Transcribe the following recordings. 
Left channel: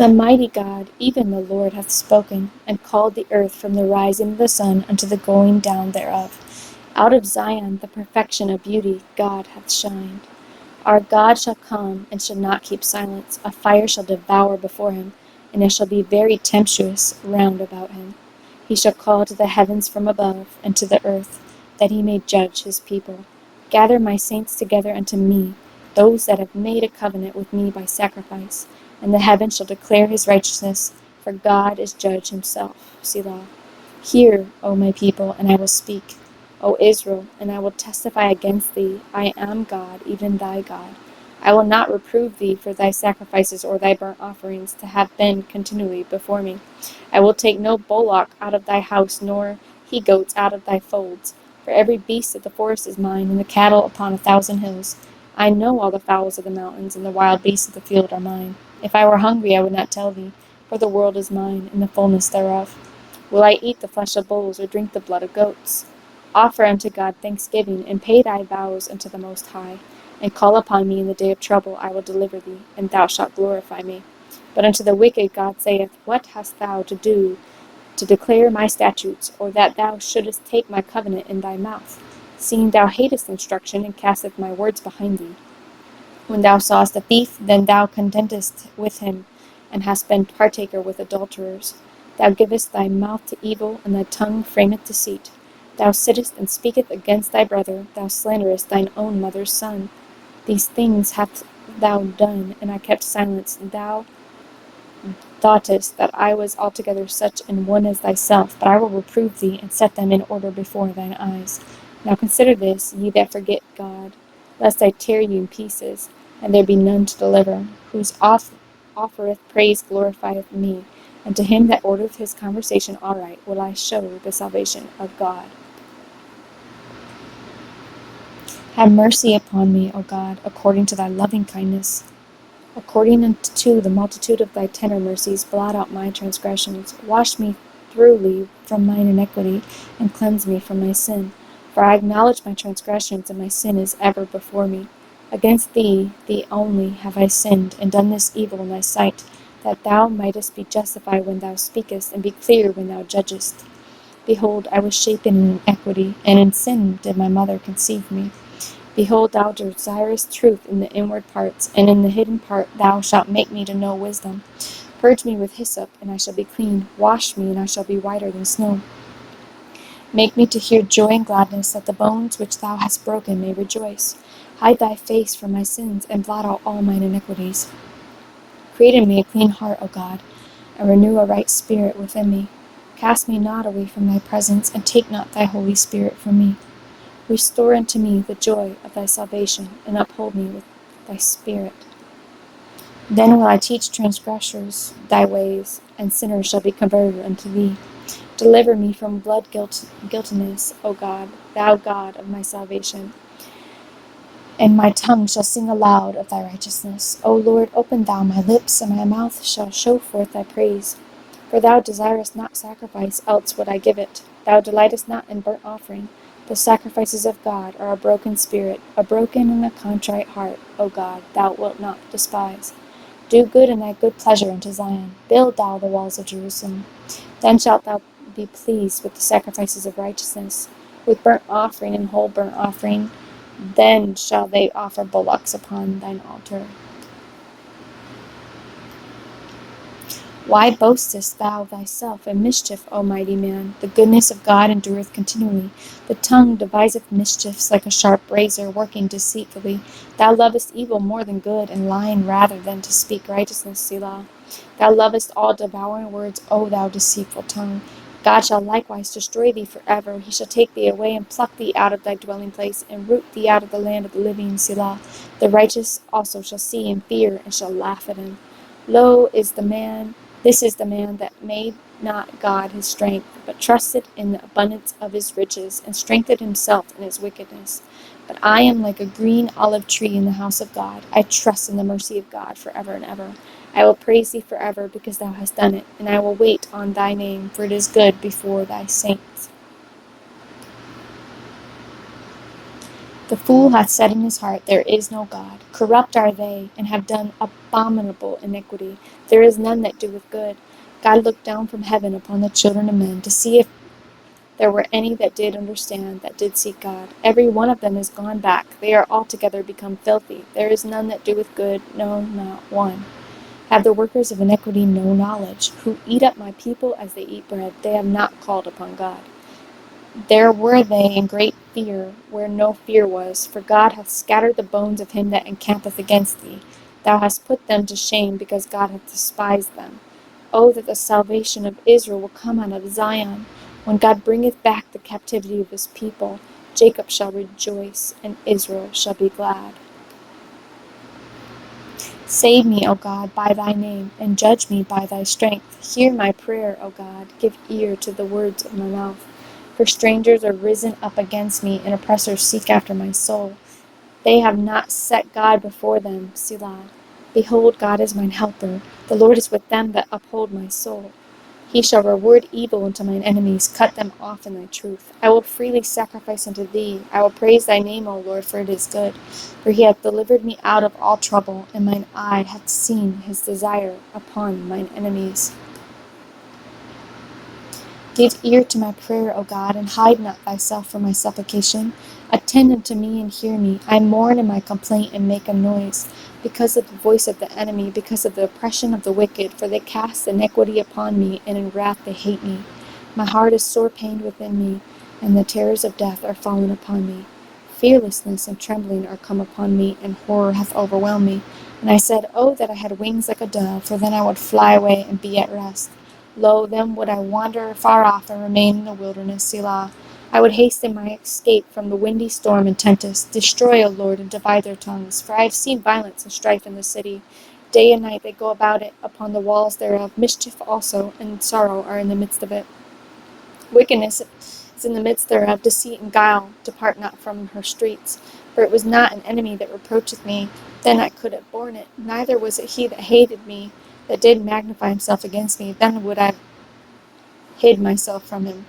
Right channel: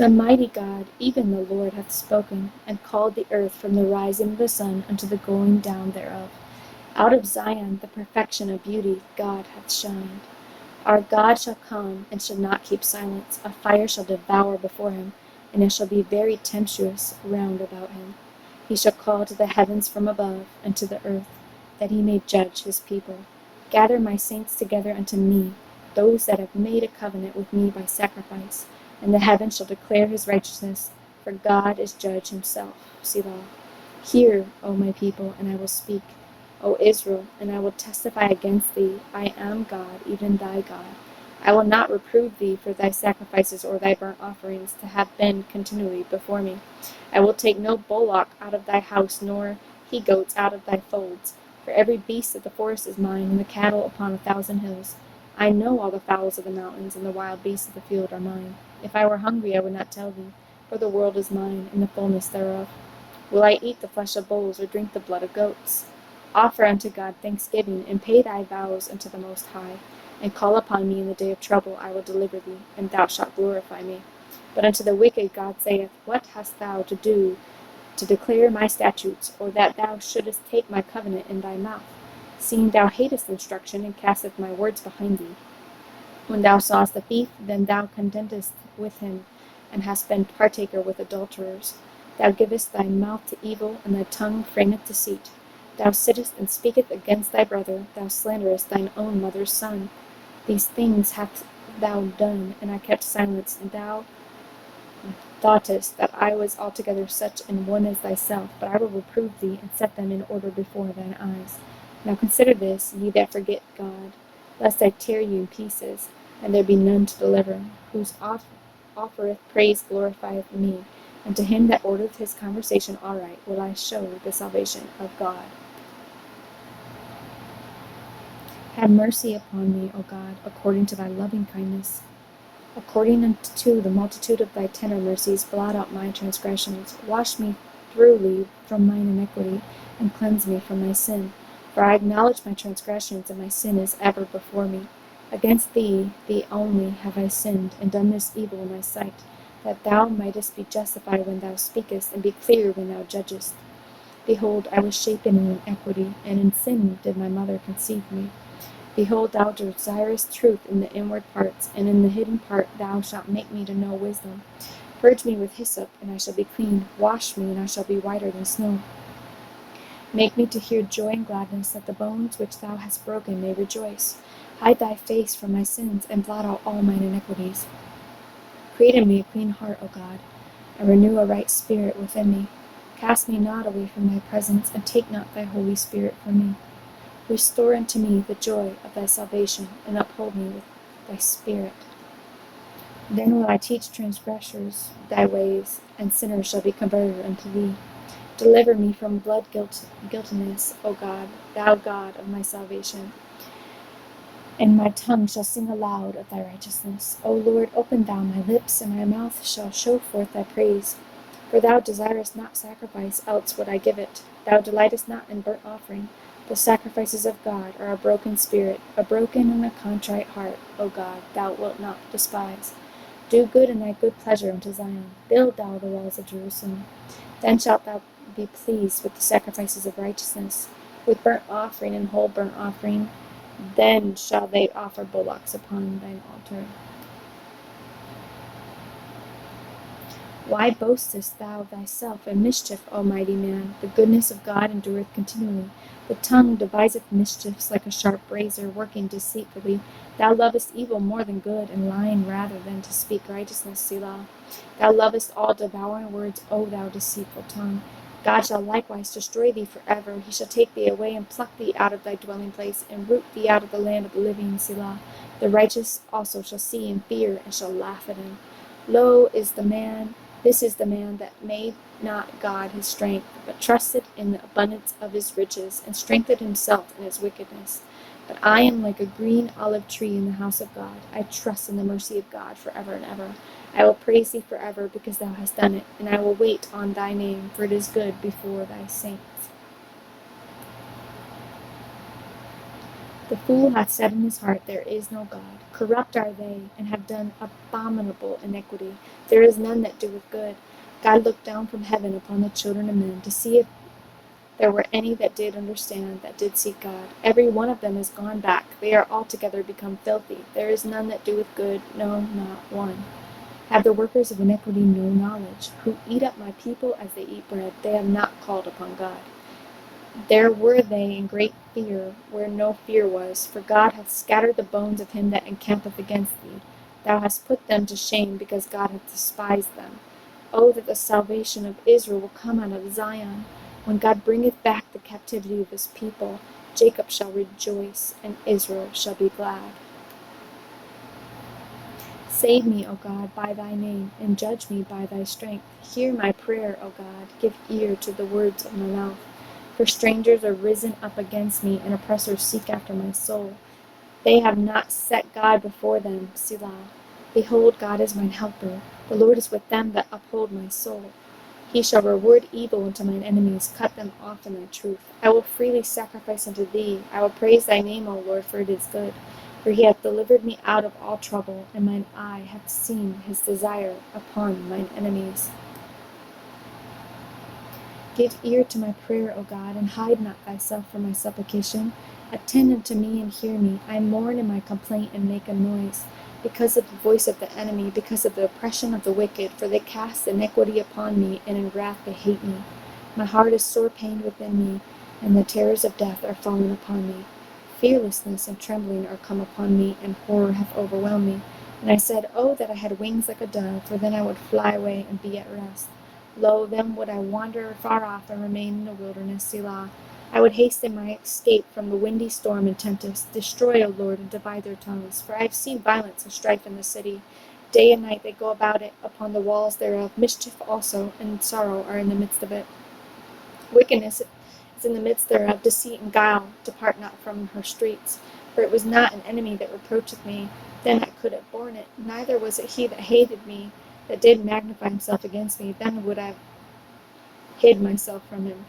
The mighty God, even the Lord, hath spoken, and called the earth from the rising of the sun unto the going down thereof. Out of Zion the perfection of beauty God hath shined. Our God shall come, and shall not keep silence. A fire shall devour before him, and it shall be very tempestuous round about him. He shall call to the heavens from above, and to the earth, that he may judge his people. Gather my saints together unto me, those that have made a covenant with me by sacrifice. And the heavens shall declare his righteousness, for God is judge himself. Selah. Hear, O my people, and I will speak. O Israel, and I will testify against thee. I am God, even thy God. I will not reprove thee for thy sacrifices or thy burnt offerings, to have been continually before me. I will take no bullock out of thy house, nor he-goats out of thy folds. For every beast of the forest is mine, and the cattle upon 1,000 hills. I know all the fowls of the mountains, and the wild beasts of the field are mine. If I were hungry, I would not tell thee, for the world is mine, and the fullness thereof. Will I eat the flesh of bulls, or drink the blood of goats? Offer unto God thanksgiving, and pay thy vows unto the Most High. And call upon me in the day of trouble, I will deliver thee, and thou shalt glorify me. But unto the wicked God saith, What hast thou to do to declare my statutes, or that thou shouldest take my covenant in thy mouth, seeing thou hatest instruction, and casteth my words behind thee? When thou sawest a thief, then thou contentest with him, and hast been partaker with adulterers. Thou givest thy mouth to evil, and thy tongue frameth deceit. Thou sittest and speakest against thy brother, thou slanderest thine own mother's son. These things hast thou done, and I kept silence. Thou thoughtest that I was altogether such an one as thyself, but I will reprove thee, and set them in order before thine eyes. Now consider this, ye that forget God, lest I tear you in pieces, and there be none to deliver. Whose offereth praise glorifieth me, and to him that ordereth his conversation aright will I show the salvation of God. Have mercy upon me, O God, according to thy loving kindness. According unto the multitude of thy tender mercies, blot out my transgressions. Wash me thoroughly from mine iniquity, and cleanse me from my sin. For I acknowledge my transgressions, and my sin is ever before me. Against thee, thee only, have I sinned, and done this evil in thy sight, that thou mightest be justified when thou speakest, and be clear when thou judgest. Behold, I was shapen in iniquity, and in sin did my mother conceive me. Behold, thou desirest truth in the inward parts, and in the hidden part thou shalt make me to know wisdom. Purge me with hyssop, and I shall be clean. Wash me, and I shall be whiter than snow. Make me to hear joy and gladness, that the bones which thou hast broken may rejoice. Hide thy face from my sins, and blot out all mine iniquities. Create in me a clean heart, O God, and renew a right spirit within me. Cast me not away from thy presence, and take not thy Holy Spirit from me. Restore unto me the joy of thy salvation, and uphold me with thy spirit. Then will I teach transgressors thy ways, and sinners shall be converted unto thee. Deliver me from guiltiness, O God, thou God of my salvation. And my tongue shall sing aloud of thy righteousness. O Lord, open thou my lips, and my mouth shall show forth thy praise. For thou desirest not sacrifice, else would I give it. Thou delightest not in burnt offering. The sacrifices of God are a broken spirit, a broken and a contrite heart, O God, thou wilt not despise. Do good in thy good pleasure unto Zion. Build thou the walls of Jerusalem. Then shalt thou be pleased with the sacrifices of righteousness, with burnt offering and whole burnt offering. Then shall they offer bullocks upon thine altar. Why boastest thou thyself in mischief, O mighty man? The goodness of God endureth continually. The tongue deviseth mischiefs like a sharp razor, working deceitfully. Thou lovest evil more than good, and lying rather than to speak righteousness, Selah. Thou lovest all devouring words, O thou deceitful tongue. God shall likewise destroy thee forever. He shall take thee away, and pluck thee out of thy dwelling place, and root thee out of the land of the living, Selah. The righteous also shall see and fear, and shall laugh at him. This is the man that made not God his strength, but trusted in the abundance of his riches, and strengthened himself in his wickedness. But I am like a green olive tree in the house of God. I trust in the mercy of God forever and ever. I will praise thee forever, because thou hast done it, and I will wait on thy name, for it is good before thy saints. The fool hath said in his heart, There is no God. Corrupt are they, and have done abominable iniquity. There is none that doeth good. God looked down from heaven upon the children of men, to see if there were any that did understand, that did seek God. Every one of them is gone back. They are altogether become filthy. There is none that doeth good, no, not one. Have the workers of iniquity no knowledge, who eat up my people as they eat bread? They have not called upon God. There were they in great fear, where no fear was, for God hath scattered the bones of him that encampeth against thee. Thou hast put them to shame, because God hath despised them. Oh, that the salvation of Israel will come out of Zion. When God bringeth back the captivity of his people, Jacob shall rejoice, and Israel shall be glad. Save me, O God, by thy name, and judge me by thy strength. Hear my prayer, O God. Give ear to the words of my mouth. For strangers are risen up against me, and oppressors seek after my soul. They have not set God before them, Selah. Behold, God is mine helper. The Lord is with them that uphold my soul. He shall reward evil unto mine enemies, cut them off in their truth. I will freely sacrifice unto thee. I will praise thy name, O Lord, for it is good. For he hath delivered me out of all trouble, and mine eye hath seen his desire upon mine enemies. Give ear to my prayer, O God, and hide not thyself from my supplication. Attend unto me and hear me. I mourn in my complaint and make a noise, because of the voice of the enemy, because of the oppression of the wicked, for they cast iniquity upon me, and in wrath they hate me. My heart is sore pained within me, and the terrors of death are fallen upon me. Fearlessness and trembling are come upon me, and horror hath overwhelmed me. And I said, Oh, that I had wings like a dove, for then I would fly away and be at rest. Lo, then would I wander far off and remain in the wilderness, Selah. I would hasten my escape from the windy storm and tempest. Destroy, O Lord, and divide their tongues. For I have seen violence and strife in the city. Day and night they go about it upon the walls thereof. Mischief also and sorrow are in the midst of it. Wickedness is in the midst thereof. Deceit and guile depart not from her streets. For it was not an enemy that reproacheth me, then I could have borne it. Neither was it he that hated me, that did magnify himself against me, then would I hid myself from him.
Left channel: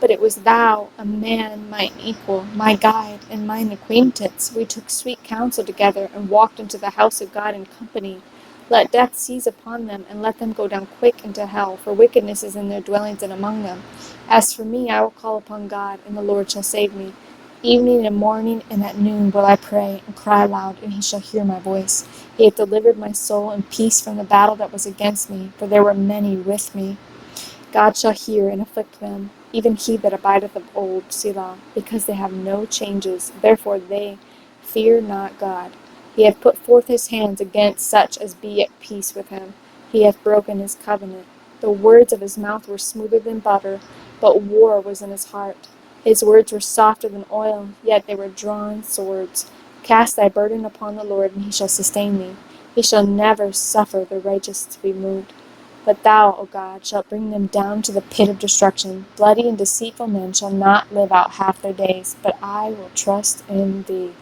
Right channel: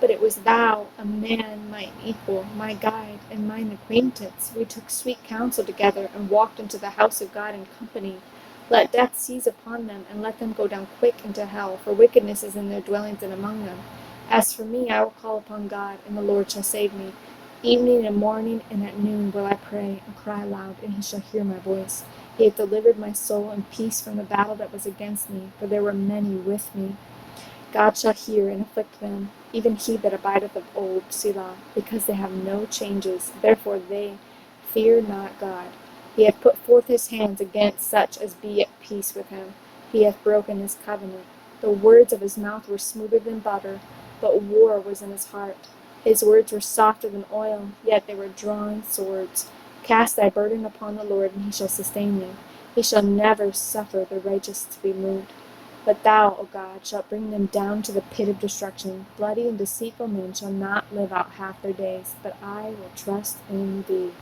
But it was thou, a man, mine equal, my guide, and mine acquaintance. We took sweet counsel together, and walked into the house of God in company. Let death seize upon them, and let them go down quick into hell, for wickedness is in their dwellings and among them. As for me, I will call upon God, and the Lord shall save me. Evening and morning and at noon will I pray, and cry aloud, and he shall hear my voice. He hath delivered my soul in peace from the battle that was against me, for there were many with me. God shall hear and afflict them, even he that abideth of old, Selah, because they have no changes. Therefore they fear not God. He hath put forth his hands against such as be at peace with him. He hath broken his covenant. The words of his mouth were smoother than butter, but war was in his heart. His words were softer than oil, yet they were drawn swords. Cast thy burden upon the Lord, and he shall sustain thee. He shall never suffer the righteous to be moved. But thou, O God, shalt bring them down to the pit of destruction. Bloody and deceitful men shall not live out half their days, but I will trust in thee.